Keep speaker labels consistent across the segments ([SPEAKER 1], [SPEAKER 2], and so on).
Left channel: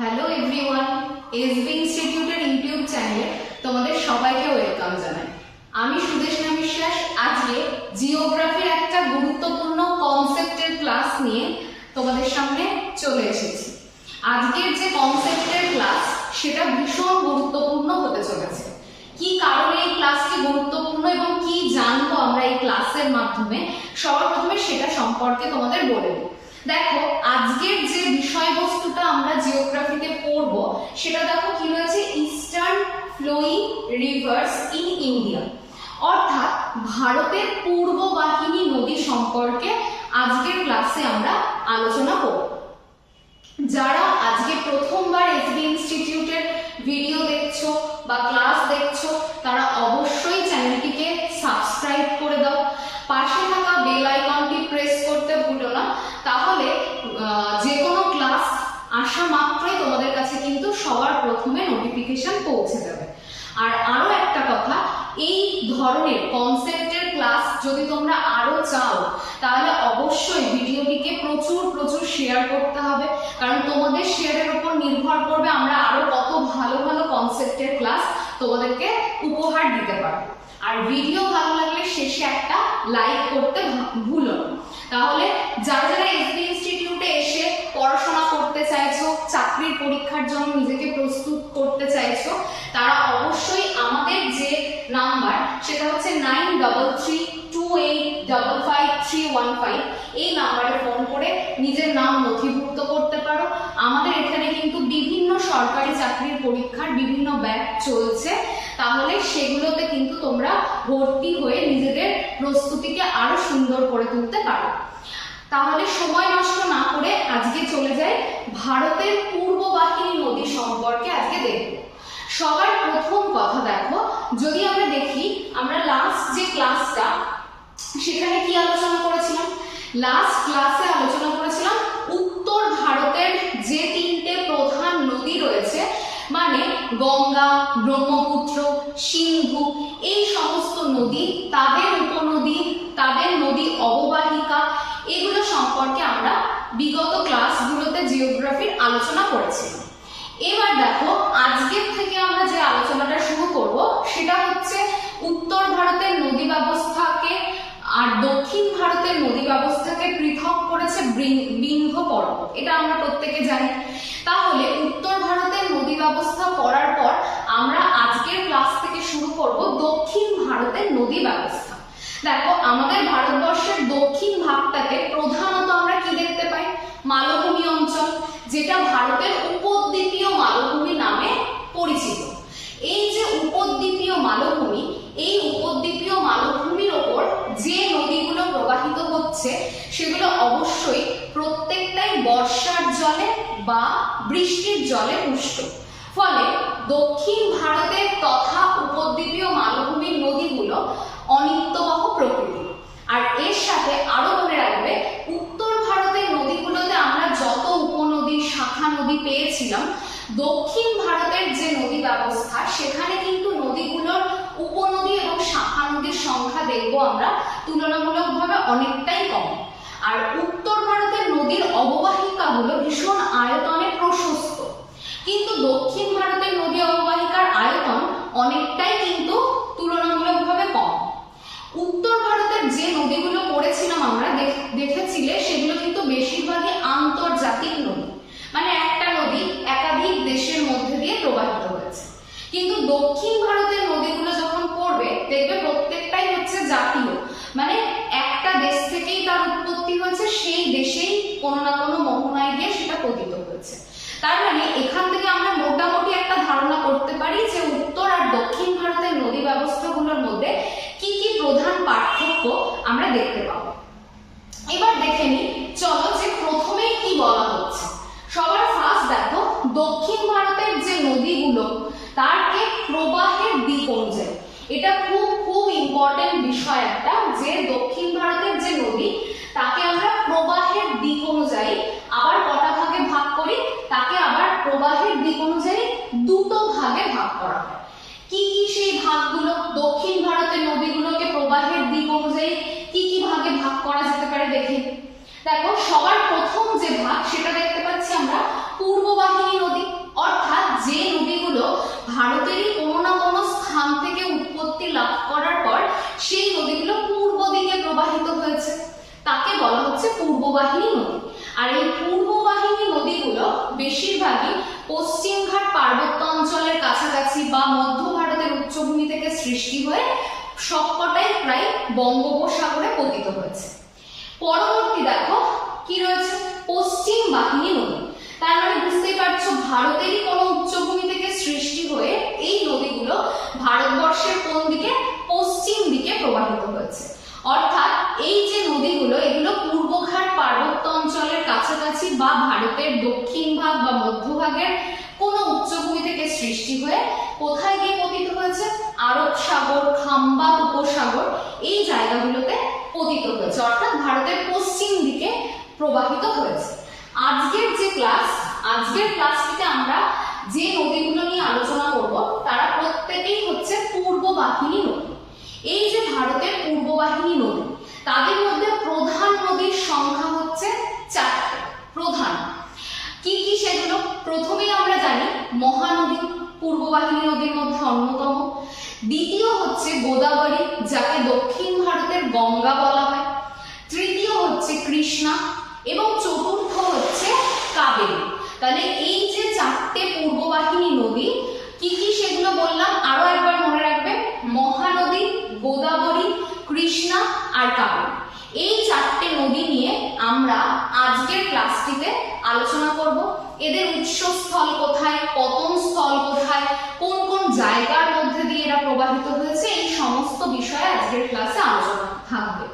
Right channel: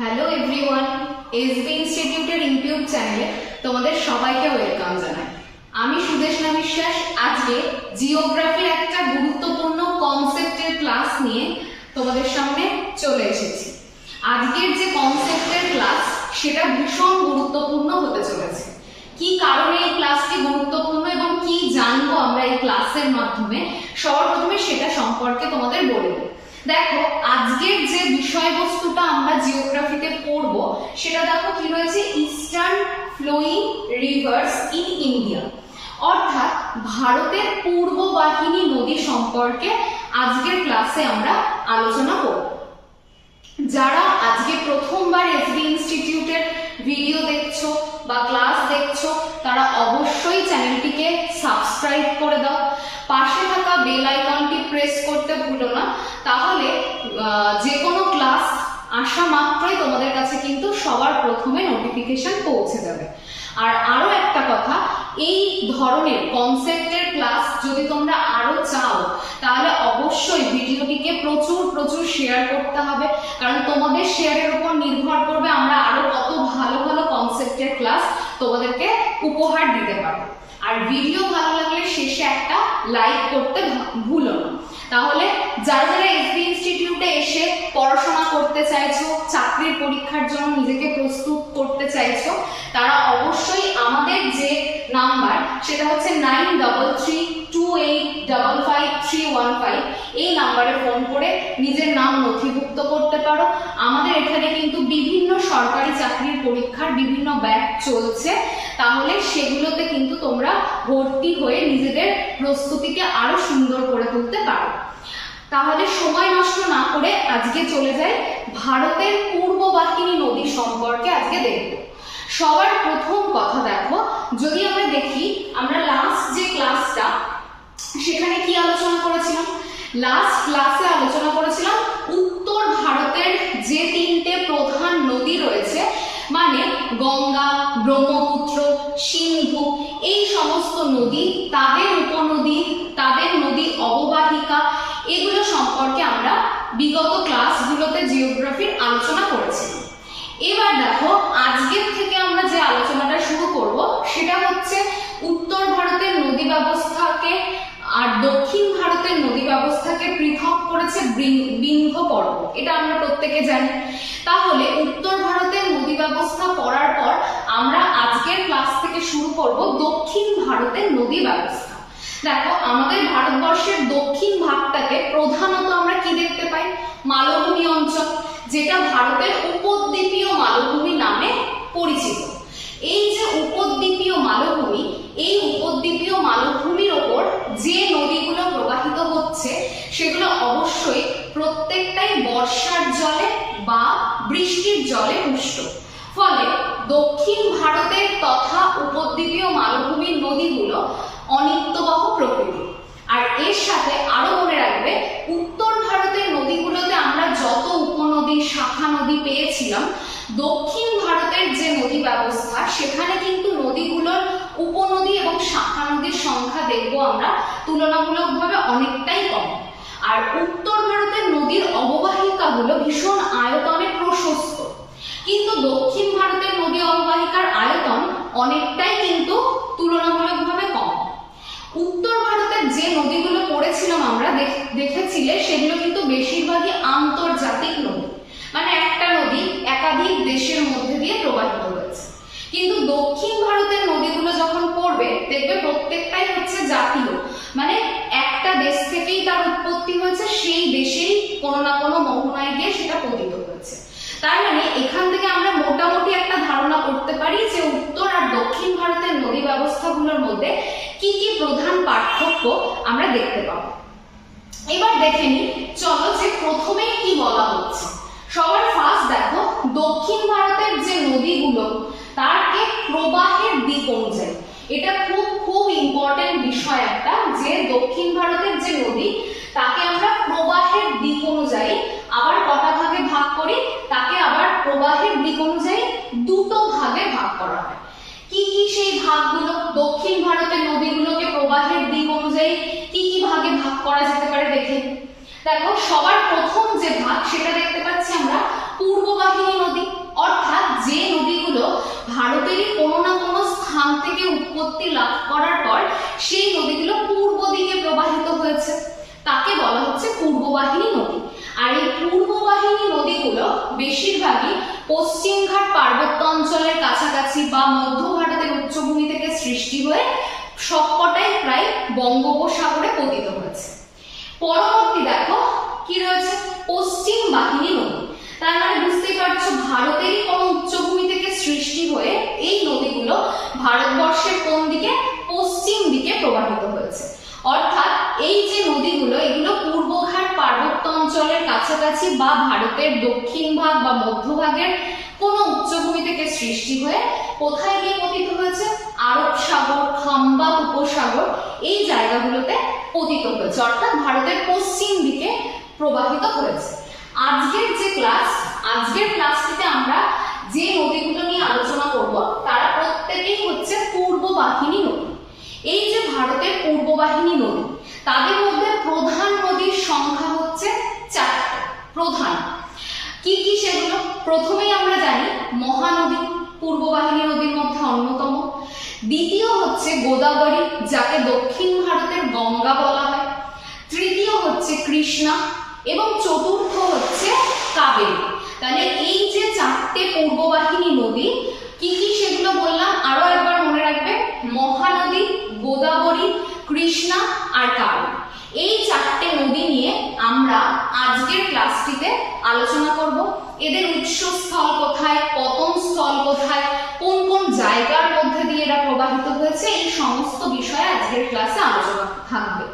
[SPEAKER 1] Hello everyone SB ইনস্টিটিউটের YouTube চ্যানেলে তোমাদের সবাইকে ওয়েলকাম জানাই। আমি সুদেশনা বিশ্বাস, আজকে জিওগ্রাফির একটা গুরুত্বপূর্ণ কনসেপ্টের ক্লাস নিয়ে তোমাদের সামনে চলে এসেছি। আজকের যে কনসেপ্টের ক্লাস সেটা ভীষণ গুরুত্বপূর্ণ হতে চলেছে। কি কারণে এই ক্লাসটি গুরুত্বপূর্ণ এবং কি জানব আমরা এই ক্লাসের মাধ্যমে? সবার প্রথমে সেটা সম্পর্কে তোমাদের বলে দিই। দেখো, আজকের যে বিষয়বস্তুটা আমরা জিওগ্রাফিতে পড়ব, সেটা দেখো কি রয়েছে? Eastern flowing rivers in India অর্থাৎ ভারতের পূর্ব বাহিনী নদী সম্পর্কে আজকের ক্লাসে আমরা আলোচনা করব। যারা আজকে প্রথমবার এসবি ইনস্টিটিউটের ভিডিও দেখছ বা ক্লাস দেখছ, তারা অবশ্যই চ্যানেলটিকে সাবস্ক্রাইব বেল আইকনটি প্রেস করতে ভুলো না। তাহলে যে কোনো ক্লাস আসা মাত্রই তোমাদের কাছে কিন্তু সবার প্রথমে নোটিফিকেশন পৌঁছে যাবে। আর আরও একটা কথা, এই ধরনের কনসেপ্টের ক্লাস যদি তোমরা আরও চাও, তাহলে অবশ্যই ভিডিওটিকে প্রচুর প্রচুর শেয়ার করতে হবে। কারণ তোমাদের শেয়ারের উপর নির্ভর করবে আমরা আরও কত ভালো ভালো কনসেপ্টের ক্লাস তোমাদেরকে উপহার দিতে পারব। আর ভিডিও ভালো লাগলে শেষে একটা লাইক করতে ভুলো না। তাহলে যারা যারা এসবি ইনস্টিটিউটে এসে পড়াশোনা করতে চাইছো, চাকরির পরীক্ষার জন্য নিজেকে প্রস্তুত করতে চাইছো, তারা অবশ্যই আমাদের যে নাম্বার সেটা হচ্ছে নাইন ডবল থ্রি এই নাম্বারে ফোন করে নিজের নাম নথিভুক্ত করতে পারো। আমাদের এখানে কিন্তু বিভিন্ন সরকারি চাকরির পরীক্ষার বিভিন্ন ব্যাচ চলছে। তাহলে সেগুলোতে কিন্তু তোমরা ভর্তি হয়ে নিজেদের প্রস্তুতিকে আরও সুন্দর করে তুলতে পারো। তাহলে সময় নষ্ট না করে আজকে চলে যাই ভারতের পূর্ব বাহিনী নদী সম্পর্কে আজকে দেখব। সবার প্রথম কথা দেখো, যদি আমরা দেখি, আমরা লাস্ট যে ক্লাসটা সেখানে কি আলোচনা করেছিলাম? লাস্ট ক্লাসে আলোচনা করেছিলাম উত্তর ভারতের যে তিনটে প্রধান নদী রয়েছে মানে গঙ্গা, ব্রহ্মপুত্র, সিন্ধু, এই সমস্ত নদী, তাদের উপনদী, তাদের নদী অববাহিকা, এগুলো সম্পর্কে আমরা বিগত ক্লাসগুলোতে জিওগ্রাফির আলোচনা করেছিলাম। এবার দেখো, আজকের থেকে আমরা যে আলোচনাটা শুরু করব, সেটা হচ্ছে উত্তর ভারতের নদী ব্যবস্থাকে আর দক্ষিণ ভারতের নদী ব্যবস্থাকে পৃথক করেছে বৃং- বিন্ধ্য পর্বত। এটা আমরা প্রত্যেকে জানি। তাহলে উত্তর ভারতের নদী ব্যবস্থা পড়ার পর আমরা আজকের ক্লাস থেকে শুরু করব দক্ষিণ ভারতের নদী ব্যবস্থা। দেখো, আমাদের ভারতবর্ষের দক্ষিণ ভাগটাকে প্রধানত আমরা কি দেখতে পাই? মালভূমি অঞ্চল, যেটা ভারতের উপদ্বীপীয় মালভূমি নামে পরিচিত। এই যে উপদ্বীপীয় মালভূমি, এই উপদ্বীপীয় মালভূমির ওপর যে নদীগুলো প্রবাহিত হচ্ছে, সেগুলো অবশ্যই প্রত্যেকটাই বর্ষার জলে বা বৃষ্টির জলে পুষ্ট। ফলে দক্ষিণ ভারতের তথা উপদ্বীপীয় মালভূমির নদীগুলো অনিত্যবাহ প্রকৃতি আর এর সাথে আরও মনে রাখবে, উত্তর ভারতের নদীগুলোতে আমরা যত উপনদী, শাখা নদী পেয়েছিলাম দক্ষিণ ভারতের যে নদী ব্যবস্থা, সেখানে কিন্তু নদীগুলোর উপনদী এবং শাখা নদীর সংখ্যা দেখব আমরা। তুলনামূলকভাবে অনেকটাই কম। আর উত্তর ভারতের নদীর অববাহিকাগুলো ভীষণ আয়তনে প্রশস্ত। কিন্তু দক্ষিণ ভারতের নদী অববাহিকার আয়তন অনেকটাই কিন্তু তুলনামূলকভাবে কম। উত্তর ভারতের যে নদীগুলো পড়েছিলাম আমরা দেখেছিলে, সেগুলো কিন্তু বেশিরভাগই আন্তর্জাতিক নদী মানে একটা নদী একাধিক দেশের মধ্যে দিয়ে প্রবাহিত হয়েছে কিন্তু দক্ষিণ ভারতের নদীগুলো যখন পড়বে, দেখবে প্রত্যেকটাই হচ্ছে জাতীয়। মানে একটা দেশ থেকেই তার উৎপত্তি হয়েছে, সেই দেশেই কোনো না কোনো মোহনায় গিয়ে সেটা পতিত হয়েছে। তার মানে এখান থেকে আমরা মোটামুটি একটা ধারণা করতে পারি যে উত্তর আর দক্ষিণ ভারতের নদী ব্যবস্থাগুলোর মধ্যে কি কি প্রধান পার্থক্য আমরা দেখতে পাবো। এবার দেখে নি চলো যে প্রথমেই কি বলা হচ্ছে। সবার ফার্স্ট দেখো, দক্ষিণ ভারতের যে নদীগুলো তারকে প্রবাহের দিক অনুযায়ী। এটা খুব খুব ইম্পর্টেন্ট বিষয় একটা যে দক্ষিণ ভারতের যে নদী, তাকে আমরা প্রবাহের দিক অনুযায়ী আবার কটা ভাগে ভাগ করি? তাকে আবার প্রবাহের দিক অনুযায়ী দুটো ভাগে ভাগ করা হয়। কি কি সেই ভাগগুলো? দক্ষিণ ভারতের নদীগুলোকে প্রবাহের দিক অনুযায়ী কি কি ভাগে ভাগ করা যেতে পারে দেখে। দেখো, সবার প্রথম যে ভাগ, সেটা দেখতে পাচ্ছি আমরা অর্থাৎ যে নদীগুলো ভারতেরই কোনো না কোনো স্থান থেকে উৎপত্তি লাভ করার পর, সেই নদীগুলো পূর্ব দিকে প্রবাহিত হয়েছে। তাকে বলা হচ্ছে পূর্ববাহিনী নদী। আর এই পূর্ববাহিনী নদীগুলো বেশিরভাগই পশ্চিমঘাট পার্বত্য অঞ্চলের কাছাকাছি বা মধ্য ভারতের উচ্চভূমি থেকে সৃষ্টি হয়ে সবকটাই প্রায় বঙ্গোপসাগরে পতিত হয়েছে। পরবর্তী দেখো, কি রয়েছে? পশ্চিম বাহিনী নদী। তার মানে বুঝতেই পারছ, ভারতেরই কোনো উচ্চভূমি থেকে সৃষ্টি হয়ে এই নদীগুলো ভারতবর্ষের কোন দিকে? পশ্চিম দিকে প্রবাহিত হয়েছে। অর্থাৎ এই যে নদীগুলো, এগুলো পূর্বঘাট পার্বত্য অঞ্চলের কাছাকাছি বা ভারতের দক্ষিণ ভাগ বা মধ্যভাগের কোনো উচ্চভূমি থেকে সৃষ্টি হয়ে কোথায় গিয়ে পতিত হয়েছে? আরব সাগর খাম্বাত উপসাগর এই জায়গাগুলোতে পতিত হয়েছে। অর্থাৎ ভারতের পশ্চিম দিকে প্রবাহিত হয়েছে। আজকের যে ক্লাস আজকের ক্লাসটিতে আমরা যে নদীগুলো নিয়ে আলোচনা করব, তারা প্রত্যেকেই হচ্ছে পূর্ব বাহিনী নদী। এই যে ভারতের পূর্ব বাহিনী নদী, তাদের মধ্যে প্রধান নদীর সংখ্যা হচ্ছে চারটে, প্রধান। কি কি সেগুলো? প্রথমেই আমরা জানি, মহানদী পূর্ব বাহিনী নদীর মধ্যে অন্যতম। দ্বিতীয় হচ্ছে গোদাবরী, যাকে দক্ষিণ ভারতের গঙ্গা বলা হয়। তৃতীয় হচ্ছে কৃষ্ণা এবং চতুর্থ হচ্ছে কাবেরী। তাহলে এই যে চারটে পূর্ববাহিনী নদী, কি কি সেগুলো বললাম? আরও একবার মনে রাখবে, মহানদী, গোদাবরী, কৃষ্ণা আর কাবেরী। এই চারটে নদী নিয়ে আমরা আজকের ক্লাসটিতে আলোচনা করব। এদের উৎসস্থল কোথায়, পতন স্থল কোথায়, কোন কোন জায়গার মধ্যে দিয়ে এরা প্রবাহিত হয়েছে, এই সমস্ত বিষয়ে আজকের ক্লাসে আলোচনা থাকবে।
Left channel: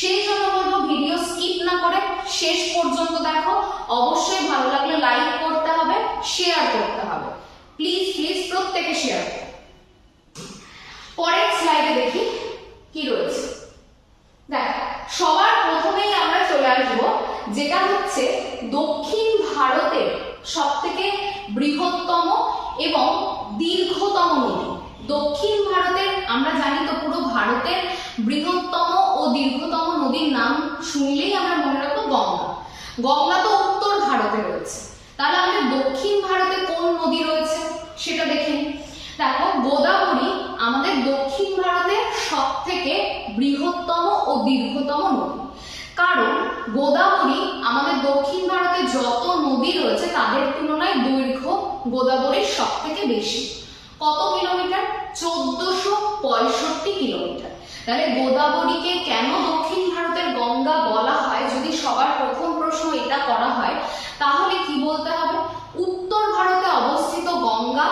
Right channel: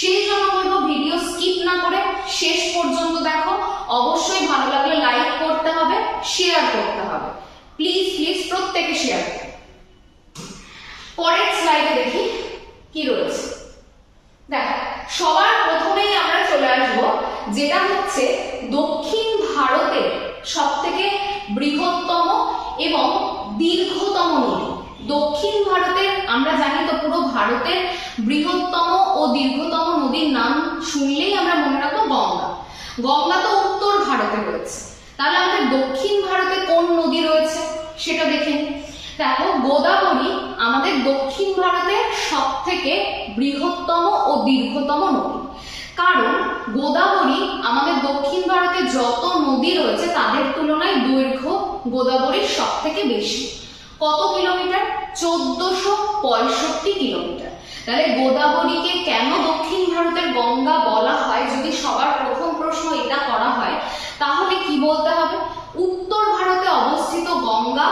[SPEAKER 1] সেই জন্য বলব ভিডিও স্কিপ না করে শেষ পর্যন্ত দেখো। অবশ্যই ভালো লাগলে লাইক করতে হবে শেয়ার করতে হবে। প্লিজ প্লিজ প্রত্যেকে শেয়ার পরের স্লাইডে দেখি কি রয়েছে। দেখো, সবার প্রথমেই আমরা চলে আসব, যেটা হচ্ছে দক্ষিণ ভারতের সব থেকে বৃহত্তম এবং দীর্ঘতম নদী। দক্ষিণ ভারতের, আমরা জানি তো পুরো ভারতের বৃহত্তম ও দীর্ঘতম নদীর নাম শুনলেই আমরা মনে রাখব গঙ্গা। গঙ্গা তো উত্তর ভারতে রয়েছে। তাহলে আমাদের দক্ষিণ ভারতে কোন নদী রয়েছে সেটা দেখে দেখো, গোদাবরী আমাদের দক্ষিণ ভারতের সব থেকে বৃহত্তম ও দীর্ঘতম নদী। কারণ গোদাবরী আমাদের দক্ষিণ ভারতে যত নদী রয়েছে তাদের তুলনায় দৈর্ঘ্য গোদাবরীর সব থেকে বেশি। কত কিলোমিটার? চোদ্দশো পঁয়ষট্টি কিলোমিটার। তাহলে গোদাবরীকে কেন দক্ষিণ ভারতের গঙ্গা বলা হয়? যদি সবার প্রথম প্রশ্ন এটা করা হয়, তাহলে কি বলতে হবে? উত্তর ভারতে অবস্থিত গঙ্গা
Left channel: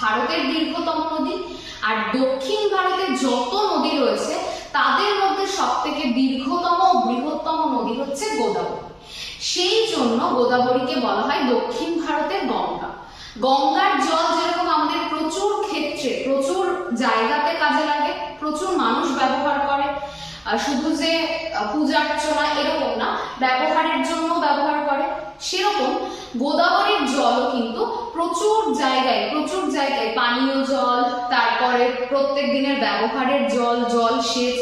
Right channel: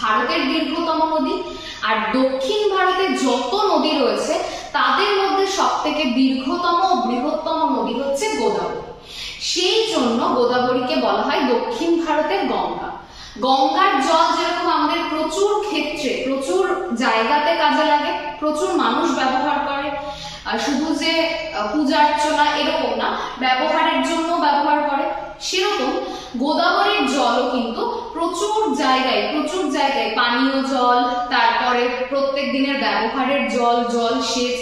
[SPEAKER 1] ভারতের দীর্ঘতম নদী, আর দক্ষিণ ভারতে যত নদী রয়েছে, তাদের মধ্যে সব থেকে দীর্ঘতম বৃহত্তম নদী হচ্ছে গোদাবরী। সেই জন্য গোদাবরীকে বলা হয় দক্ষিণ ভারতের গঙ্গা। গঙ্গার জল যেরকম আমাদের প্রচুর ক্ষেত্রে, প্রচুর জায়গাতে কাজে লাগে, প্রচুর মানুষ ব্যবহার করে শুধু যে পূজা অর্চনা এরকম না, ব্যবহারের জন্য ব্যবহার করে, সেরকম গোদাবরীর জলও কিন্তু প্রচুর জায়গায় প্রচুর জায়গায় পানীয় জল, তারপরে প্রত্যেক দিনের ব্যবহারের জল জল সেচ,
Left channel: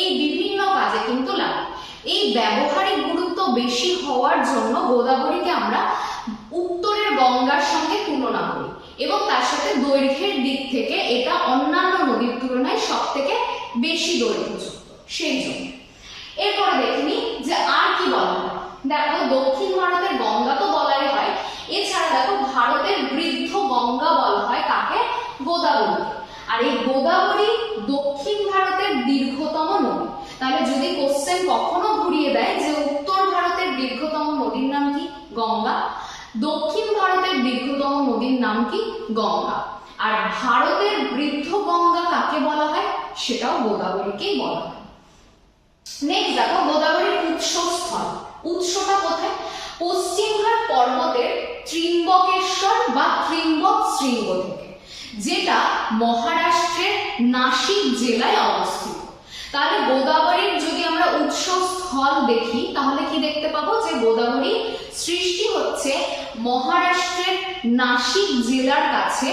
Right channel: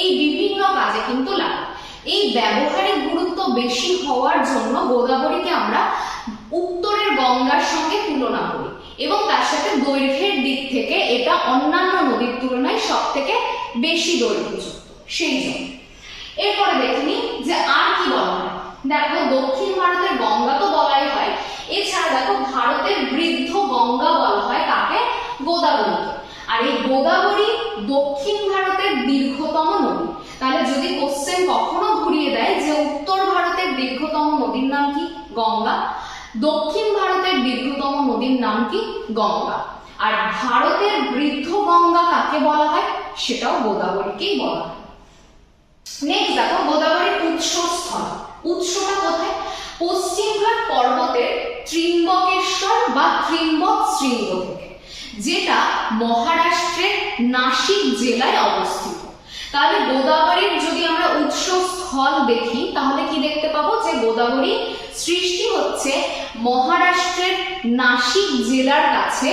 [SPEAKER 1] এই বিভিন্ন কাজে কিন্তু লাগে। এই ব্যবহারিক গুরুত্ব বেশি হওয়ার জন্য গোদাবরীকে আমরা উত্তরের গঙ্গার সঙ্গে তুলনা করি এবং তার সাথে দৈর্ঘ্যের দিক থেকে এটা অন্যান্য নদীর তুলনায় সব থেকে বেশি দৈর্ঘ্যযুক্ত, সেই জন্য। এরপরে দেখিনি যে আর কি বলা হয়। দেখো, দক্ষিণ ভারতের গঙ্গা তো বলাই হয়, এছাড়া দেখো ভারতের বৃদ্ধ গঙ্গা বলা হয় তাকে গোদাবরী। আর এই গোদাবরী দক্ষিণ ভারতের দীর্ঘতম নদী। তাহলে যদি কোশ্চেন কখনো ঘুরিয়ে দেয় যে উত্তর ভারতের দীর্ঘতম নদীর নাম কি? গঙ্গা। দক্ষিণ ভারতের দীর্ঘতম নদীর নাম কি? গঙ্গা। আর ভারতের বৃদ্ধ গঙ্গা কাকে বলা হয়? সেটাও গোদাবরীকেই বলা হয়। নেক্সট দেখো, গোদাবরীর উৎসস্থল। উৎসটা কোথায়? পশ্চিমঘাট পর্বতের ত্রিম্বকেশ্বর বা ত্রিম্বক শৃঙ্গ থেকে, যেটা মহারাষ্ট্রের নাসিক জেলায় অবস্থিত। তাহলে গোদাবরীর যদি আমরা উৎসস্থল দেখি, তাহলে কি দেখতে পাবো? যে গোদাবরী সৃষ্টি হচ্ছে মহারাষ্ট্রের নাসিক জেলার কাছে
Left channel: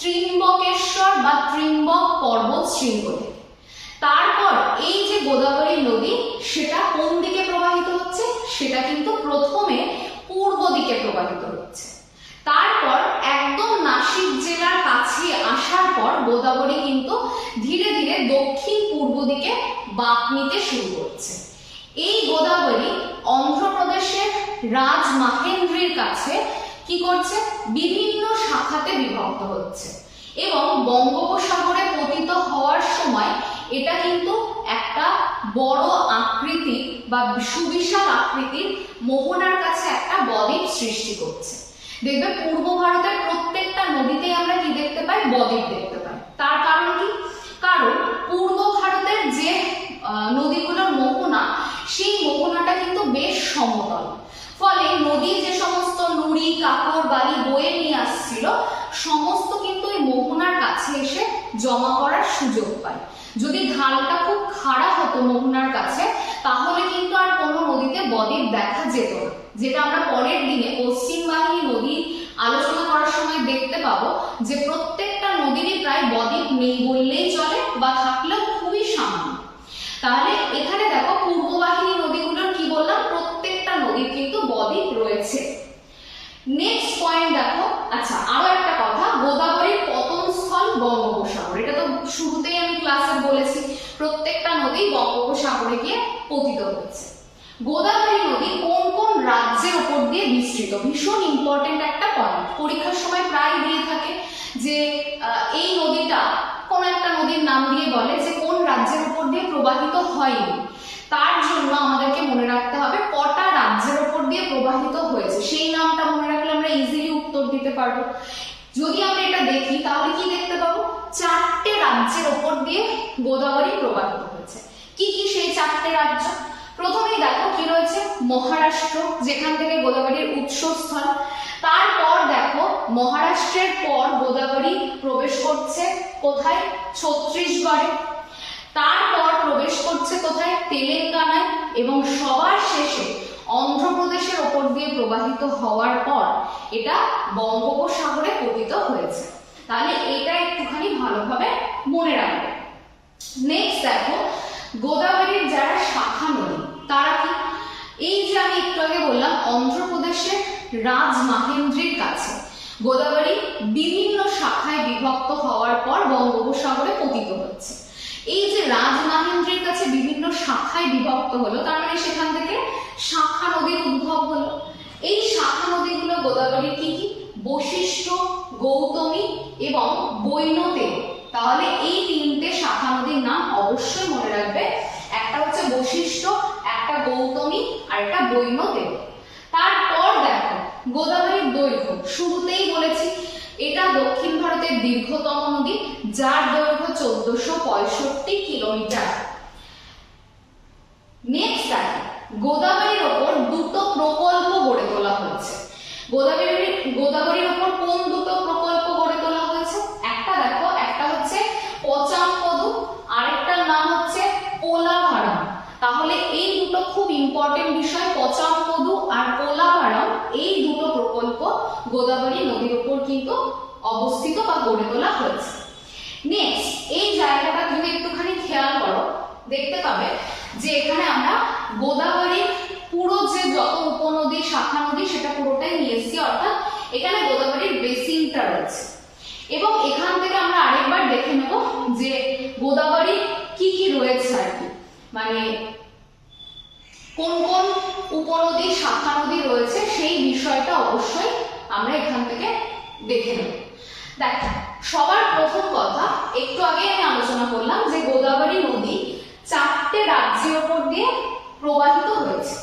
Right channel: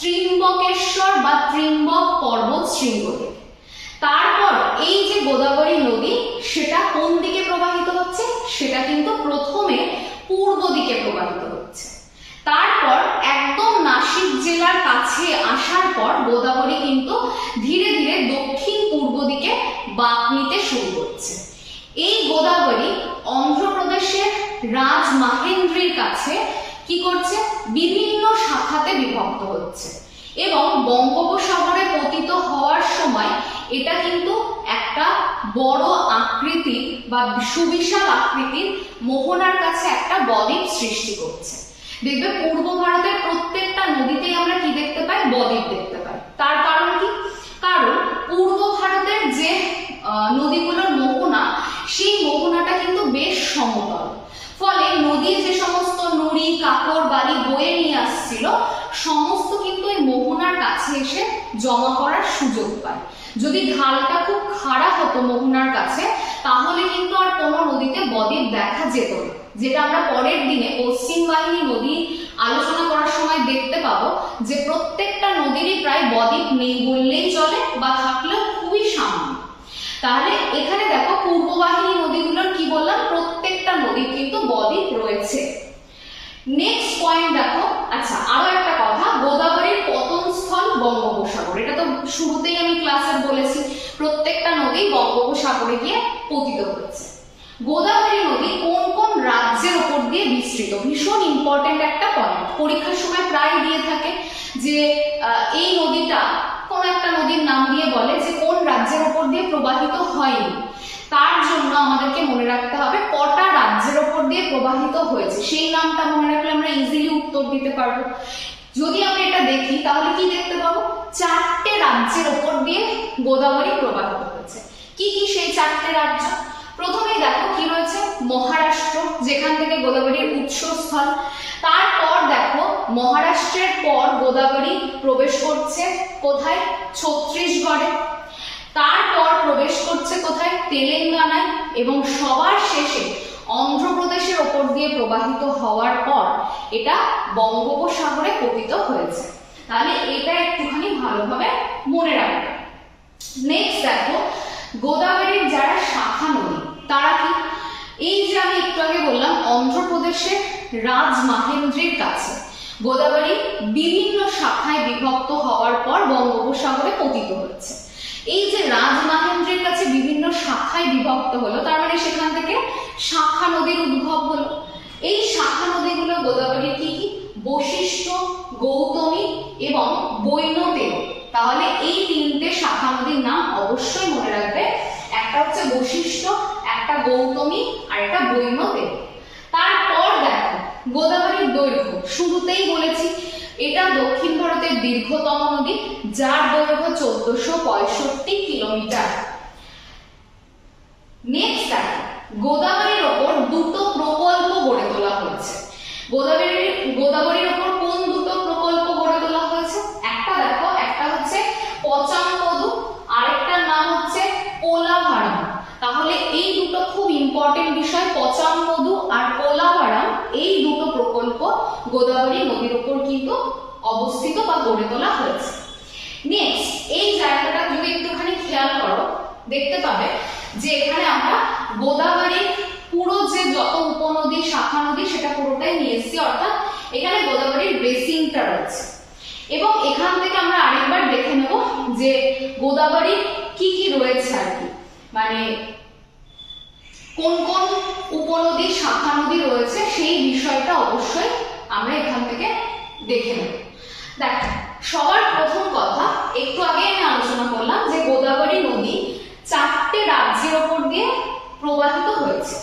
[SPEAKER 1] ত্রিম্বকেশ্বর বা ত্রিম্বক পর্বত শৃঙ্গ তারপর এই যে গোদাবরী নদী, সেটা কোন দিকে প্রবাহিত হচ্ছে? সেটা কিন্তু প্রথমে পূর্ব দিকে প্রবাহিত হচ্ছে। তারপর একদম নাসিক জেলার কাছে আসার পর গোদাবরী কিন্তু ধীরে ধীরে দক্ষিণ পূর্ব দিকে বাঁক নিতে শুরু করছে। এই গোদাবরী অন্ধ্রপ্রদেশের রাজ মাহেন্দ্রির কাছে কি করছে? বিভিন্ন শাখাতে বিভক্ত হচ্ছে এবং বঙ্গোপসাগরে পতিত হওয়ার সময় এটা কিন্তু একটা বড় আকৃতির বা সুবিশাল আকৃতির মোহনার কাছে একটা বদ্বীপ সৃষ্টি করছে। দেখবে পূর্ব ভারতের প্রত্যেকটা নদীতেই আমরা কি দেখতে পাই? বদ্বীপ দেখতে পাই। তার কারণ কি? কারণ পূর্ব ভারতের যে নদীগুলোর মোহনা, সেই মোহনাটা কিন্তু বেশ সমতল। ফলে নদীর যে সমস্ত নুড়ি, কাপড়, বালি বয়ে নিয়ে আসছিল, সমস্ত কিন্তু এই মোহনার কাছে এসে জমা করার সুযোগ পায়। যদি ঢালটা খুব খাড়া হতো মোহনার কাছে, তাহলে কিন্তু আর কোনো নদীতে বদ্বীপ দেখা যেত না। যেটা আমরা পরের দিনে পশ্চিম বাহিনী নদী আলোচনা করার সময় দেখতে পাবো যে প্রত্যেকটা নদীরই প্রায় বদ্বীপ নেই বললেই চলে বা থাকলেও খুবই সামান্য। তাহলে এখানে দেখো পূর্ব বাহিনী নদীগুলোর কি বললাম? প্রত্যেকটা নদীর কিন্তু বদ্বীপ রয়েছে। নেক্সট পয়েন্ট দেখো। আচ্ছা আরও একটা কথা। গোদাবরীর পতনস্থল বঙ্গোপসাগর। এটা তো শুরুতেই আমি ক্লাসে বলেছি। প্রত্যেকটা নদী বঙ্গোপসাগরে গিয়ে পতিত হচ্ছে গোদাবরী নদী কোন কোন রাজ্যের উপর দিয়ে বিস্তৃত? ভীষণ ইম্পর্টেন্ট একটা পয়েন্ট পরীক্ষার সময় প্রায় দিয়ে থাকে যে এই নদীটা কোন একটা নদীর নাম দিয়ে বলে যে, কোন রাজ্যের উপর দিয়ে প্রবাহিত হয়নি। তার জন্য আমাদেরকে মনে রাখতে হবে, কটা রাজ্যের ওপর দিয়ে প্রবাহিত হয়েছে। সেই নামটা মনে রাখলে আমরা ইজিলি উত্তর দিতে পারব। যদি আমরা এটা দেখি, তাহলে কি দেখতে পাবো? চারটে রাজ্যের ওপর দিয়ে গোদাবরী প্রবাহিত হয়েছে। কি কি সেই চারটে রাজ্য প্রথমেই দেখো কি রয়েছে মহারাষ্ট্র, যেখান থেকে গোদাবরীর উৎসস্থল। তারপর দেখো, মহারাষ্ট্রের পর গোদাবরী প্রবেশ করছে কোথায়? ছত্রিশগড়ে তারপর প্রবেশ করছে কোথায়? তেলেঙ্গানায় এবং সবার শেষে অন্ধ্রপ্রদেশের ওপর দিয়ে প্রবাহিত হওয়ার পর এটা বঙ্গোপসাগরে পতিত হয়েছে। তাহলে এটা একটুখানি ভালোভাবে মনে রাখবে। নেক্সট দেখো, গোদাবরীর যারা শাখা নদী, তারা কি? এই যে আমি একটু আগে বললাম, অন্ধ্রপ্রদেশের রাজমাহেন্দ্রির কাছে গোদাবরী বিভিন্ন শাখায় বিভক্ত হওয়ার পর বঙ্গোপসাগরে পতিত হচ্ছে এই যে রাজমাহেন্দ্রির কাছে বিভিন্ন শাখায় বিভক্ত হলো, তার মানে সেখান থেকে শাখা নদীর উদ্ভব হলো। এই শাখা নদীগুলো গোদাবরীর কি কি? বশিষ্ঠ, গৌতমী এবং বৈনতেয় তাহলে এই তিনটে শাখা নদীর নাম অবশ্যই মনে রাখবে। একটা হচ্ছে বশিষ্ঠ একটা গৌতমী আর একটা বৈনতেয় তারপর দেখো, গোদাবরীর দৈর্ঘ্য। শুরুতেই বলেছি, এটা দক্ষিণ ভারতের দীর্ঘতম নদী, যার দৈর্ঘ্য চোদ্দশো পঁয়ষট্টি কিলোমিটার। নেক্সট গোদাবরীর ওপর দুটো প্রকল্প গড়ে তোলা হয়েছে। গোদাবরীর গোদাবরীর ওপর কোন দুটো প্রকল্প গড়ে তোলা হয়েছে? একটা দেখো, একটা হচ্ছে পচামপদু আরেকটার নাম হচ্ছে পোলাভারাম তাহলে এই দুটো খুব ইম্পর্টেন্ট বিষয় পচামপদু আর পোলাভারাম এই দুটো প্রকল্প গোদাবরী নদীর উপর কিন্তু অবস্থিত বা গড়ে তোলা হয়েছে। নেক্সট এই জায়গাটা যদি একটুখানি খেয়াল করো। দেখতে পাবে যে এখানে আমরা গোদাবরীর পুরো যে যত উপনদী, শাখা নদী, সেটা পুরোটাই নিয়ে এসেছি, অর্থাৎ এখানে গোদাবরীর বেসিনটা রয়েছে। এবং এখান থেকে আমরা আরেকবার দেখে নেব যে গোদাবরী কি কি রয়েছে আর কি। মানে কোন কোন উপনদী, শাখা নদী রয়েছে, সেই বিষয়টা অবশ্যই আমরা এখান থেকে দেখে নেব। দেখ, সবার প্রথম কথা, একটু আগে আমি আলোচনা করলাম যে গোদাবরী নদী চারটে রাজ্যের ওপর দিয়ে প্রবাহিত হয়েছে।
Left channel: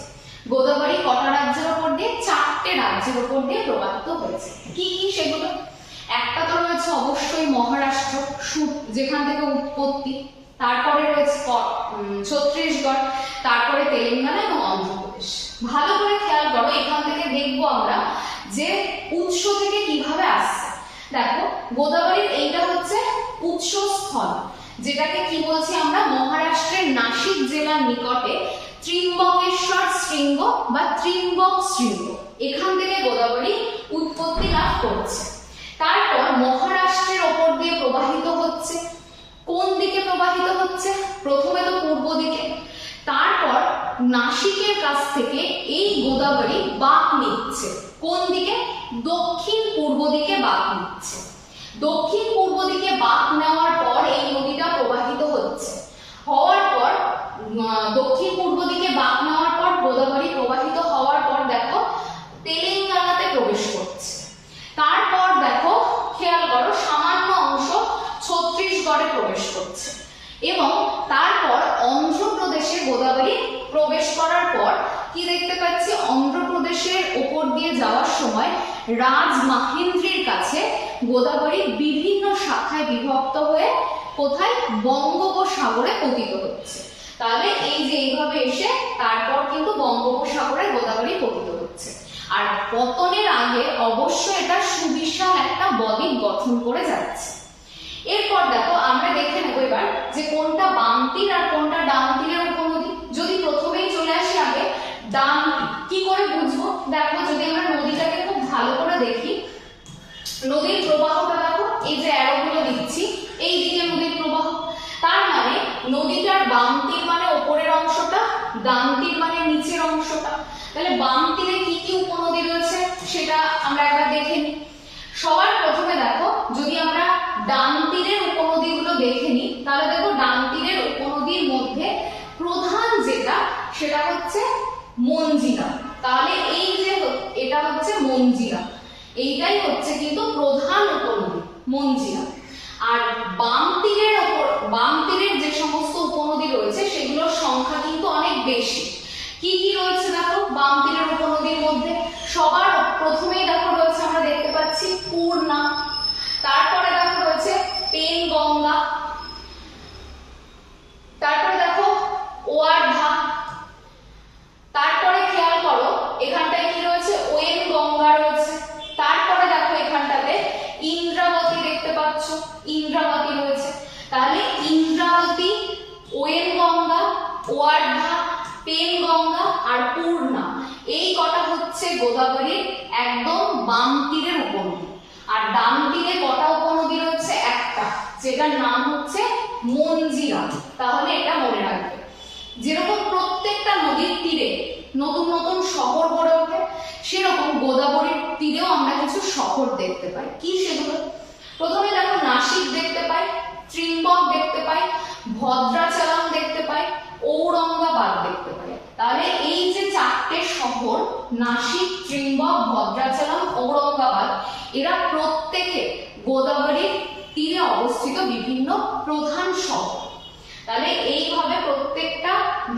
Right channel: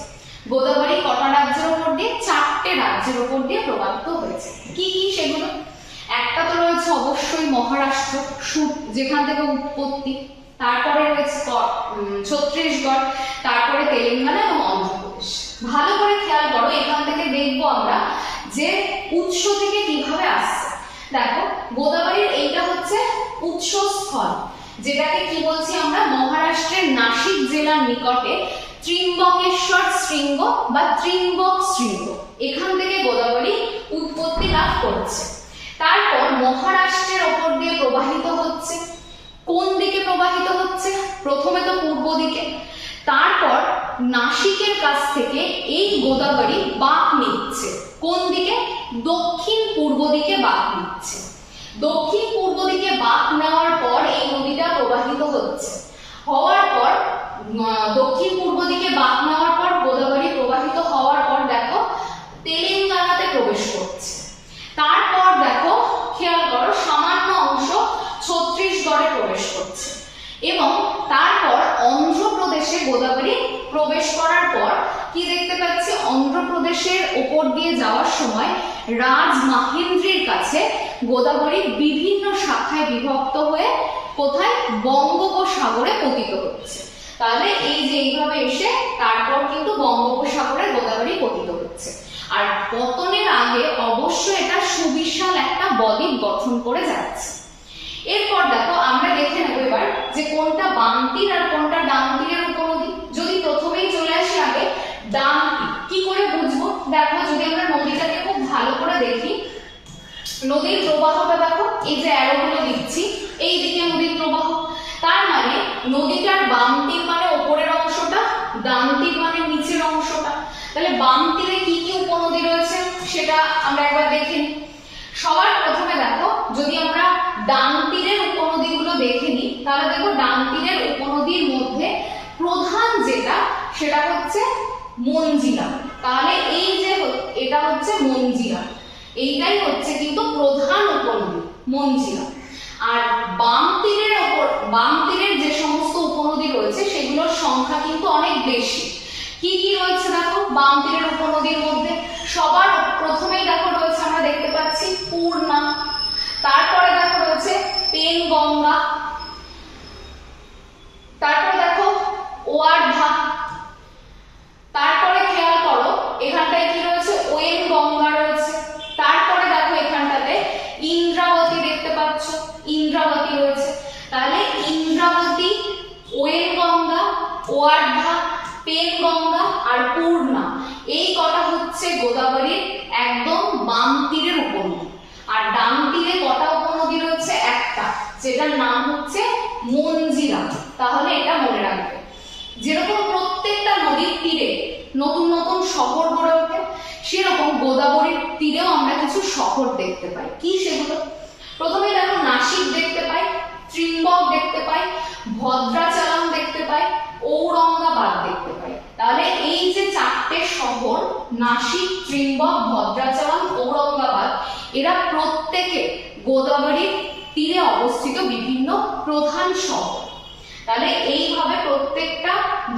[SPEAKER 1] গোদাবরী কটা রাজ্যের ওপর দিয়ে? চারটে রাজ্যের ওপর দিয়ে প্রবাহিত হয়েছে। কি কি সেগুলো? একটা তো রয়েছে অবশ্যই মহারাষ্ট্র সু- যেখান থেকে উৎপত্তি। তারপরে রয়েছে উম, তারপরে তেলেঙ্গানা এবং অন্ধ্রপ্রদেশ। ভালো করে খেয়াল করো এখান থেকে দেখব আমরা যে উৎস থেকে কীভাবে আসছে। দেখো গোদাবরীর এইটা হচ্ছে উৎসস্থল যেটাকে কি বলছি আমরা? মহারাষ্ট্রের নাসিক জেলার নিকটে ত্রিম্বকেশ্বর শৃঙ্গ বা ত্রিম্বক শৃঙ্গ। এখান থেকে গোদাবরী উৎপত্তি লাভ করছে। তারপর মহারাষ্ট্রের ওপর দিয়ে প্রবাহিত হচ্ছে কোন দিকে প্রবাহিত হচ্ছে? প্রথমে তো পূর্ব দিকে। তারপর নাসিকের কাছ থেকে এই গোদাবরী বাঁক নিচ্ছে। কোন দিকে? দক্ষিণ পূর্ব দিকে বাঁক নিচ্ছে। দক্ষিণ পূর্ব দিকে বাঁক নেওয়ার পর এই নদীটা প্রবাহিত হচ্ছে। হওয়ার পর উম, দক্ষিণ পূর্ব দিকে বাঁক নেওয়ার পর গোদাবরী প্রবাহিত হওয়ার পর দেখো তেলেঙ্গানাতে প্রবেশ করছে প্রবেশ করছে এবং তারপর অন্ধ্রপ্রদেশে গোদাবরী প্রবেশ করার পর কি দেখতে পাচ্ছি? অন্ধ্রপ্রদেশের ওপর দিয়ে যাওয়ার সময় রাজ মাহেন্দ্রির কাছে গোদাবরী বিভিন্ন শাখায় বিভক্ত হয়ে কোথায়? বঙ্গোপসাগরে পতিত হচ্ছে। তাহলে এই যে এইভাবে এসে তারপর কিন্তু বঙ্গোপসাগরে গোদাবরী পতিত হচ্ছে। আর পতনের আগে অবশ্য এটা সুবিশাল একটা বদ্বীপ গঠন করে যাচ্ছে। এরপর দেখো আমরা দেখে নেব এবার যে কোনটা বাম তীর আর কোনটা ডান তীরের উপনদী যদি প্রথমেই চলে আসি আগে ডান তীর কি করে বুঝব দেখো যদি আমরা নদীটাকে খুব ভালো করে দেখি নদীর প্রবাহটা দেখো এই যে অ্যারোগুলো দিচ্ছি এই দিকে নদীর প্রবাহ তার মানে নদীটার বাম তীর মানে ওপরের অংশটা ডান তীর মানে নিচের অংশটা। তাহলে বাম তীরে কি কি উপনদী রয়েছে সেটা আমরা একবার দেখে নিই। সবার প্রথমে দেখো, যদি আমরা ডান তীরের উপনদীগুলো দেখে নিই, তাহলে দেখো ডান তীরের উপনদীর মধ্যে প্রধান যেটা, সেটা হচ্ছে মঞ্জিরা তাহলে এই যে এটা হচ্ছে মঞ্জিরা এইটাই হচ্ছে কিন্তু প্রধান উপনদী মঞ্জিরা আর বাম তীরের ওপর, বাম তীরের যে সমস্ত উপনদী রয়েছে সেগুলোর সংখ্যা কিন্তু অনেক বেশি কি কি রয়েছে দেখো? বাম তীরের উপনদীর মধ্যে। সবার প্রথমেই দেখো রয়েছে আমরা দেখতে পাচ্ছি পূর্ণা। তারপরে দেখো রয়েছে পেন গঙ্গা তারপরে দেখো ওয়ার্ধা। তারপরে খেয়াল করো, এখানটায় কি রয়েছে? ওয়েন গঙ্গা রয়েছে। তারপরে দেখো এখানটাতে ইন্দ্রাবতী দেখতে পাচ্ছ। ইন্দ্রাবতী রয়েছে। তাহলে ইন্দ্রাবতী ওয়েন গঙ্গা ওয়ার্ধা পেন গঙ্গা আর পূর্ণা এই কটা হচ্ছে গোদাবরীর একদম বাম তীরের উপনদী। আর ডান তীরে কটা উপনদী রয়েছে? একটা, যেটার নাম হচ্ছে মঞ্জিরা। তাহলে এটা মনে রাখবে। যেরকম প্রত্যেকটা নদীর তীরে নতুন নতুন শহর গড়ে ওঠে, সেরকম গোদাবরীর তীরেও আমরা কিছু শহর দেখতে পাই। কি সেগুলো? প্রথমে দেখো, নাসিক দেখতে পাই, ত্রিম্বক দেখতে পাই ভদ্রাচলম দেখতে পাই ঔরঙ্গাবাদ দেখতে পাই তাহলে এই যে চারটে শহর, নাসিক, ত্রিম্বক ভদ্রাচলম ঔরঙ্গাবাদ, এরা প্রত্যেকে গোদাবরীর তীরে অবস্থিত বিভিন্ন প্রধান শহর। তাহলে এইভাবে প্রত্যেকটা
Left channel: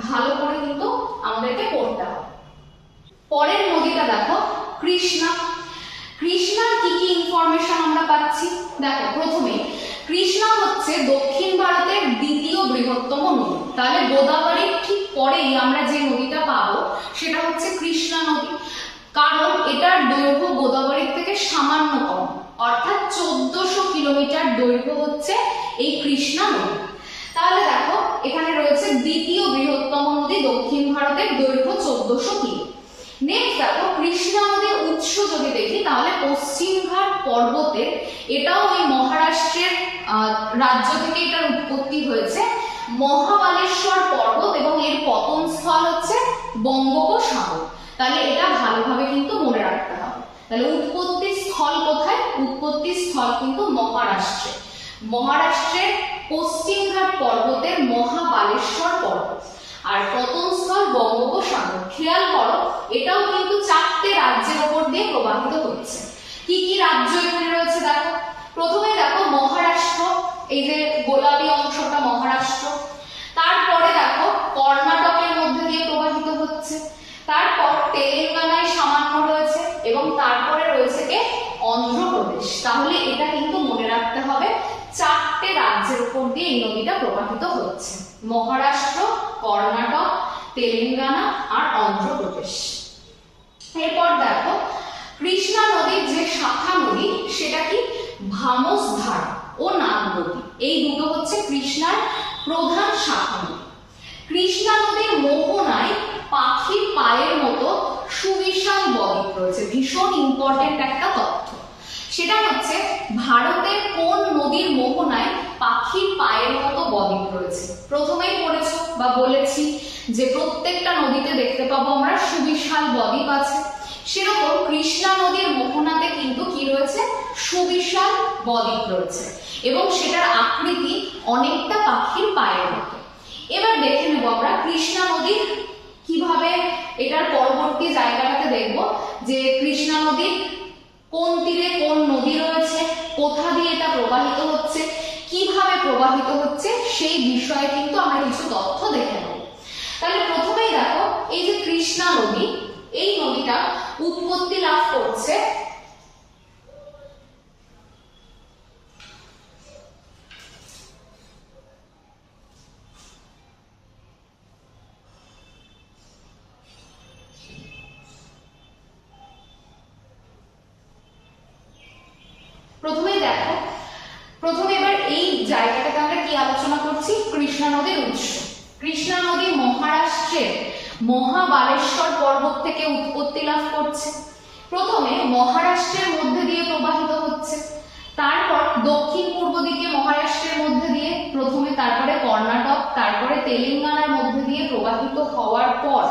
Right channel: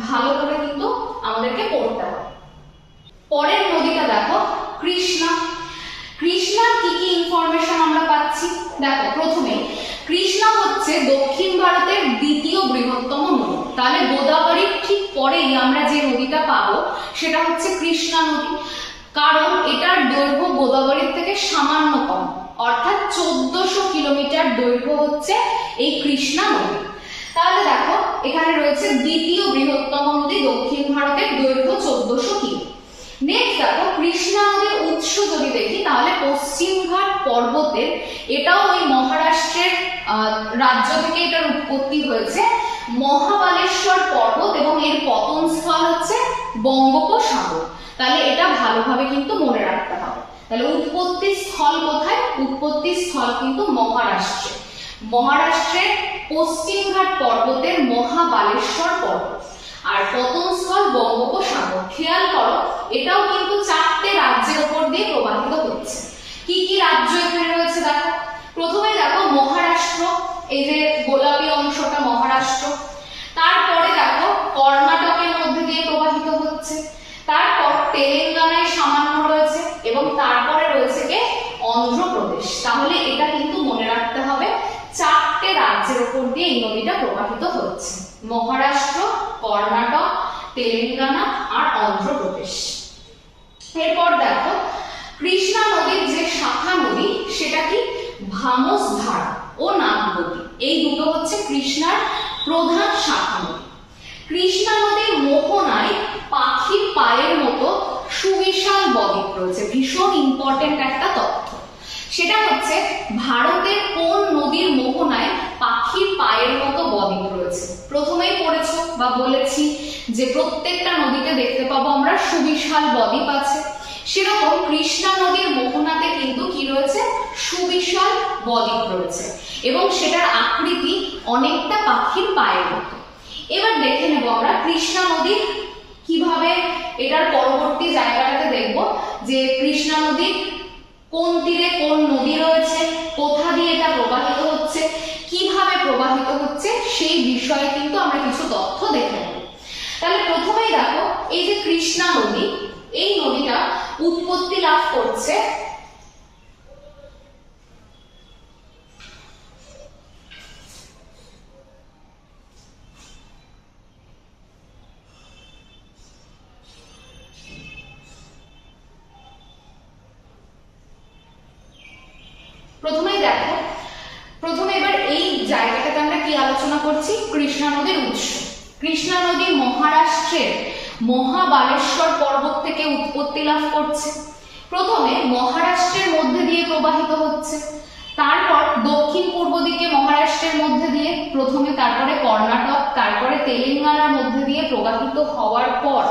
[SPEAKER 1] ভালো করে কিন্তু আমাদেরকে পড়তে হবে। পরের নদীটা দেখো, কৃষ্ণা। কৃষ্ণার কি কি ইনফরমেশন আমরা পাচ্ছি? দেখো, প্রথমে কৃষ্ণা হচ্ছে দক্ষিণ ভারতের দ্বিতীয় বৃহত্তম নদী। তাহলে গোদাবরীর ঠিক পরেই আমরা যে নদীটা পাবো, সেটা হচ্ছে কৃষ্ণা নদী। কারণ এটার দৈর্ঘ্য গোদাবরীর থেকে সামান্য কম অর্থাৎ চোদ্দশো কিলোমিটার দৈর্ঘ্য হচ্ছে এই কৃষ্ণা নদী। তাহলে দেখো, এখানে রয়েছে দ্বিতীয় বৃহত্তম নদী দক্ষিণ ভারতের দৈর্ঘ্য চোদ্দশো কিলো। নেক্সট দেখো, কৃষ্ণা নদীর উৎস যদি দেখি, তাহলে পশ্চিমঘাট পর্বতের, এটাও ওই মহারাষ্ট্রের রাজ্য থেকে এটার উৎপত্তি হয়েছে। মহাবালেশ্বর পর্বত এবং এর পতন স্থল হচ্ছে বঙ্গোপসাগর। তাহলে এটা ভালোভাবে কিন্তু মনে রাখতে হবে। তাহলে উৎপত্তি স্থল কোথায়? উৎপত্তি স্থল কিন্তু মহারাষ্ট্রে। মহারাষ্ট্রের পশ্চিমঘাট পর্বতের মহাবালেশ্বর পর্বত। আর পতনস্থল বঙ্গোপসাগর। খেয়াল করো, এটাও কিন্তু চারটে রাজ্যের উপর দিয়ে প্রবাহিত হচ্ছে। কি কি রাজ্য এখানে রয়েছে দেখো? প্রথমে দেখো মহারাষ্ট্র, এই যে গোলাপি অংশটা মহারাষ্ট্র। তারপরে দেখো কর্ণাটকের মধ্যে দিয়ে প্রবাহিত হচ্ছে। তারপর তেলেঙ্গানায় সামান্য রয়েছে এবং তারপরে রয়েছে কে? অন্ধ্রপ্রদেশ। তাহলে এটা কিন্তু মনে রাখতে হবে, চারটে রাজ্যের উপর দিয়ে এই নদীটা প্রবাহিত হচ্ছে। মহারাষ্ট্র কর্ণাটক, তেলেঙ্গানা আর অন্ধ্রপ্রদেশ। এরপর দেখো, কৃষ্ণা নদীর যে শাখা নদী, সেটা কি? ভামস ধারা ও নাগবতী এই দুটো হচ্ছে কৃষ্ণার প্রধান শাখা নদী। কৃষ্ণা নদীর মোহনায় পাখির পায়ের মতো সুবিশাল বদ্বীপ রয়েছে। ভীষণ ইম্পর্টেন্ট একটা তথ্য। সেটা হচ্ছে, ভারতের কোন নদীর মোহনায় পাখির পায়ের মতো বদ্বীপ রয়েছে। প্রথমেই পড়েছো বা বলেছি যে প্রত্যেকটা নদীতে দেখতে পাবো আমরা সুবিশাল বদ্বীপ আছে। সেরকম কৃষ্ণা নদীর মোহনাতে কিন্তু কি রয়েছে? সুবিশাল বদ্বীপ রয়েছে এবং সেটার আকৃতি অনেকটা পাখির পায়ের মতো। এবার দেখে নেব আমরা কৃষ্ণা নদীর কীভাবে এটার পরবর্তী জায়গাটাতে দেখব যে কৃষ্ণা নদীর কোন তীরে কোন নদী রয়েছে, কোথা দিয়ে এটা প্রবাহিত হচ্ছে, কীভাবে প্রবাহিত হচ্ছে, সেই বিষয়ে কিন্তু আমরা কিছু তথ্য দেখে নেব। তাহলে প্রথমেই দেখো, এই যে কৃষ্ণা নদী, এই নদীটা উৎপত্তি লাভ করছে জায়গাটাতে আমরা কি আলোচনা করছি? কৃষ্ণা নদীর উৎস। কৃষ্ণা নদী মহারাষ্ট্রের মহাবালেশ্বর পর্বত থেকে উৎপত্তি লাভ করছে। প্রথমে মহারাষ্ট্রের মধ্যে দিয়ে প্রবাহিত হচ্ছে। তারপর দক্ষিণ পূর্ব দিকে মহারাষ্ট্রের মধ্যে দিয়ে, প্রথমে তারপরে কর্ণাটক, তারপরে তেলেঙ্গানার মধ্যে দিয়ে প্রবাহিত হওয়ার পর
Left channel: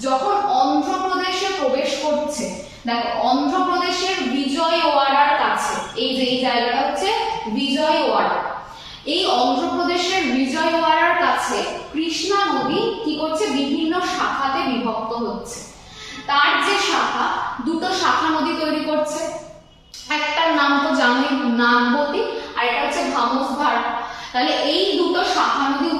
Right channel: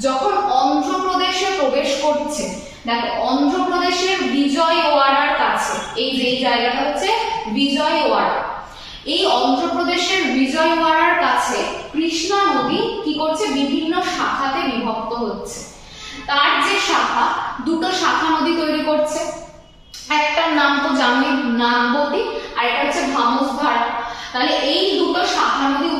[SPEAKER 1] যখন অন্ধ্রপ্রদেশে প্রবেশ করছে, দেখো অন্ধ্রপ্রদেশের বিজয়ওয়াড়ার কাছে, এই যে জায়গাটা হচ্ছে বিজয়ওয়াড়া। এই অন্ধ্রপ্রদেশের বিজয়ওয়াড়ার কাছে কৃষ্ণা নদী কি করছে? বিভিন্ন শাখাতে বিভক্ত হচ্ছে। তার যে শাখা, দুটো শাখা নদী তৈরি করছে। একটার নাম তো জানি নাগবতী আর একটা হচ্ছে ভামসভার তাহলে এই দুটো শাখা নদী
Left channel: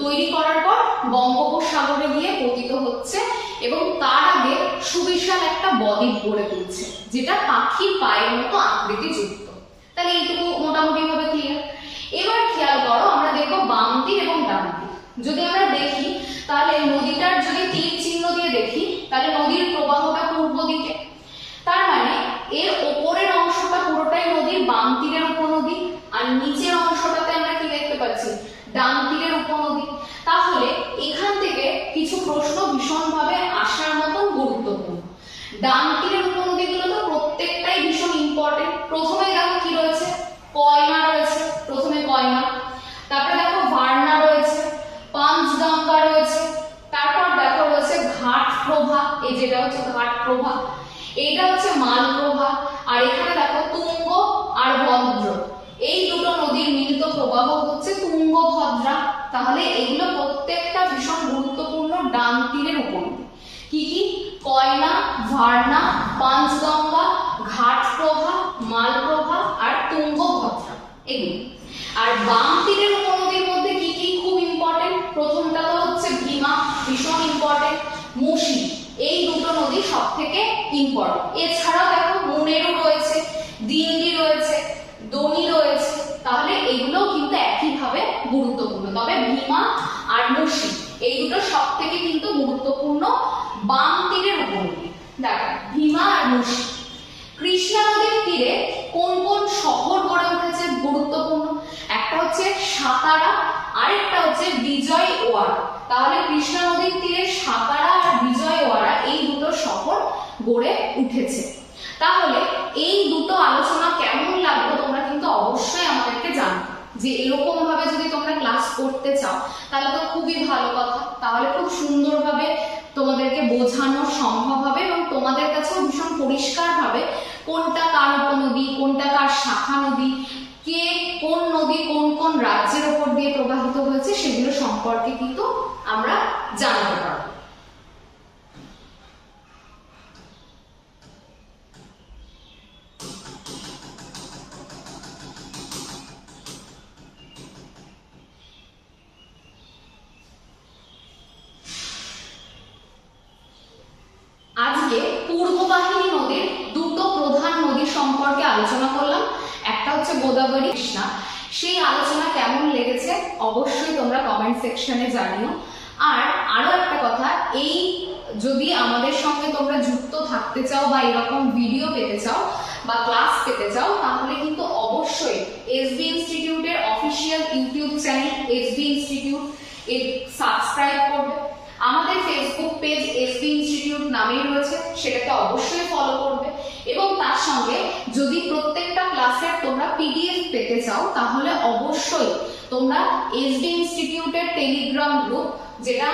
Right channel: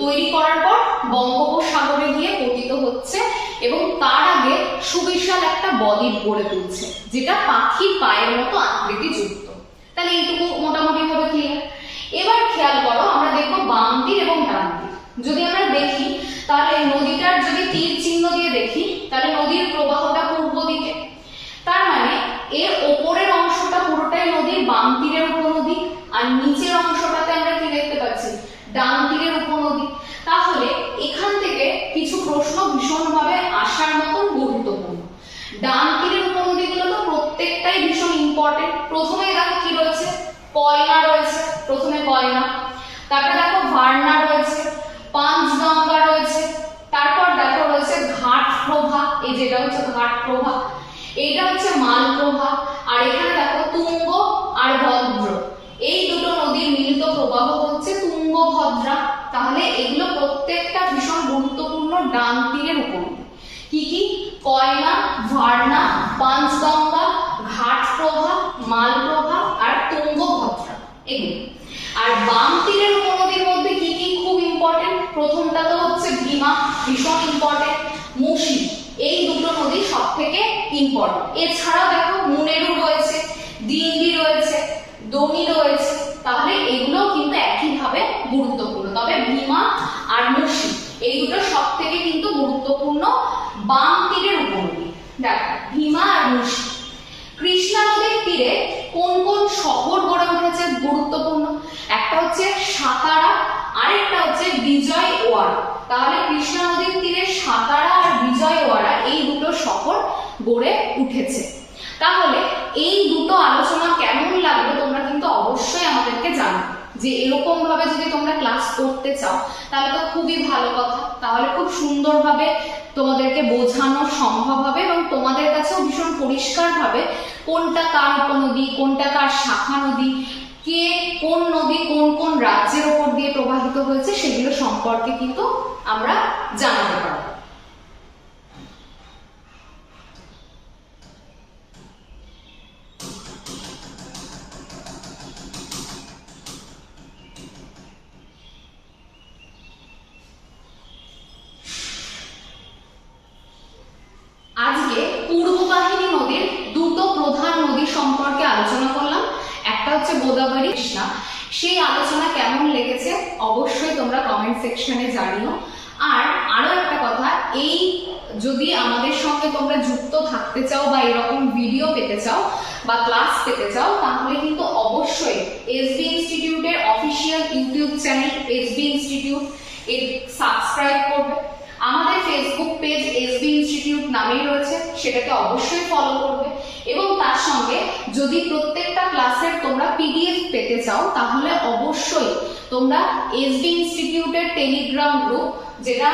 [SPEAKER 1] তৈরি করার পর বঙ্গোপসাগরে গিয়ে পতিত হচ্ছে এবং তার আগে সুবিশাল একটা বদ্বীপ গড়ে তুলছে, যেটা পাখির পায়ের মতো আকৃতি যুক্ত তাহলে এইটুকু মোটামুটি ভাবে ক্লিয়ার এবার খেয়াল করো, আমরা দেখব বাম তীর এবং ডান তীর যদি আমরা দেখি, তাহলে নদীটার যদি তীর চিহ্ন দিয়ে দেখি, তাহলে নদীর প্রবাহটা পূর্ব দিকে। তার মানে এর ওপরের অংশটা পুরোটাই নদীর, বাম তীরের উপনদী, আর নিচের অংশটাতে আমরা কি দেখতে পাচ্ছি? ডান তীরের উপনদী। তাহলে এখান থেকে কিছু প্রশ্ন ভীষণভাবে আসার মতন গুরুত্বপূর্ণ। ডান তীরের উপনদীগুলো তো প্রত্যেকটাই ভীষণ ইম্পর্টেন্ট প্রথমে দেখো কি রয়েছে কয়না রয়েছে। প্রথমে কয়না তারপরে দেখো ভার্না রয়েছে পাঁচগঙ্গা রয়েছে, তারপর দেখো রয়েছে ঘাট প্রভা এই যেটা হচ্ছে ঘাট প্রভা এইটা হচ্ছে মালপ্রভা, আর এখানে দেখো তুঙ্গ আর ভদ্র। এই দুটো নদীর মিলিত প্রবাহ হচ্ছে তুঙ্গভদ্রা। তাহলে এগুলো প্রত্যেকটা ভীষণ গুরুত্বপূর্ণ ডান তীরের উপনদী কি কি? কয়না ভার্না পাঁচগঙ্গা ঘাটপ্রভা, মালপ্রভা আর তুঙ্গভদ্রা। এগুলো। আর বাম তীরের উপনদীর মধ্যে কি কি খুব ইম্পর্টেন্ট প্রথমটা তো হচ্ছে ভীমা, ভীষণ ইম্পর্টেন্ট মুশি এই দুটো নদী সব থেকে ইম্পর্টেন্ট এছাড়াও দেখো, মুনেরু রয়েছে দিন্ডি রয়েছে, দনি রয়েছে। তাহলে এগুলো কিন্তু একইভাবে গুরুত্বপূর্ণ। তবে ভীমা আর মুশি এই দুটো সব থেকে কিন্তু গুরুত্বপূর্ণ বাম তীরের উপনদী। দেখো, ভীমা আর মুশি কৃষ্ণা নদীর তীরে কোন কোন শহর গড়ে উঠেছে? গুরুত্বপূর্ণ। একটা হচ্ছে সাতারা, আরেকটা হচ্ছে বিজয়ওয়াড়া তাহলে কৃষ্ণা নদীর তীরে সাতারা আর বিজয়ওয়াড়া এই দুটো শহর গড়ে উঠেছে। তাহলে এই দুটো আলোচনা কেমন লাগল তোমরা কিন্তু অবশ্যই আমাদেরকে জানাবে যে এরকম ভাবে যদি তোমরা ক্লাস করতে চাও, তাহলে তো খুবই ভালো কথা। তাহলে খুব সুন্দরভাবে তোমাদেরকে বোঝানো সম্ভব হবে এবং তোমাদের কাছেও ভীষণ পরিষ্কার ভাবে কোনটা কার উপনদী, কোনটা কার শাখা নদী কে কোন নদী কোন কোন রাজ্যের ওপর দিয়ে প্রবাহিত হয়েছে সেগুলো সম্পর্কে কিন্তু আমরা জানাতে পারব আজকে পূর্ববাহিনী নদীর দুটো প্রধান নদী সম্পর্কে আলোচনা করলাম একটা হচ্ছে গোদাবরী কৃষ্ণা সেই আলোচনা কেমন লেগেছে অবশ্যই তোমরা কমেন্ট সেকশনে জানিও। আর আরও একটা কথা, এই যদি আমাদের সঙ্গে তোমরা যুক্ত থাকতে চাও বা এরকম ভিডিও পেতে চাও বা ক্লাস পেতে চাও, তাহলে কিন্তু অবশ্যই এসবি ইনস্টিটিউটের official YouTube channel SB institute এর সাবস্ক্রাইব করবে। আমাদের ফেসবুক পেজ এসবি ইনস্টিটিউট নামেই রয়েছে সেটাকে অবশ্যই ফলো করবে। এবং তার সঙ্গে যদি প্রত্যেকটা ক্লাসের তোমরা পিডিএফ পেতে চাও, তাহলে অবশ্যই তোমরা এসবি ইনস্টিটিউটের টেলিগ্রাম গ্রুপ যেটা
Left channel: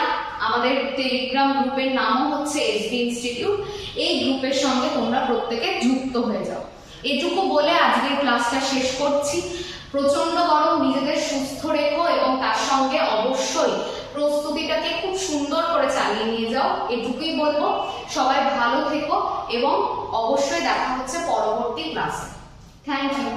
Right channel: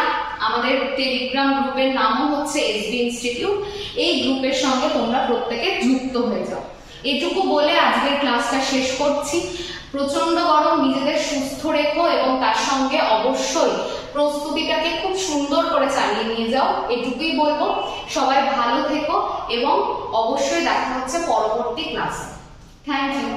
[SPEAKER 1] আমাদের টেলিগ্রাম গ্রুপের নামও হচ্ছে এসবি ইনস্টিটিউট এই গ্রুপের সঙ্গে তোমরা প্রত্যেকে যুক্ত হয়ে যাও। এটুকু বলে আজকের ক্লাসটা শেষ করছি। প্রচণ্ড গরম নিজেদের সুস্থ রেখো এবং তার সঙ্গে অবশ্যই প্রস্তুতিটাকে খুব সুন্দর করে চালিয়ে নিয়ে যাও, এটুকুই বলব। সবাই ভালো থেকো এবং অবশ্যই দেখা হচ্ছে পরবর্তী ক্লাসে। Thank you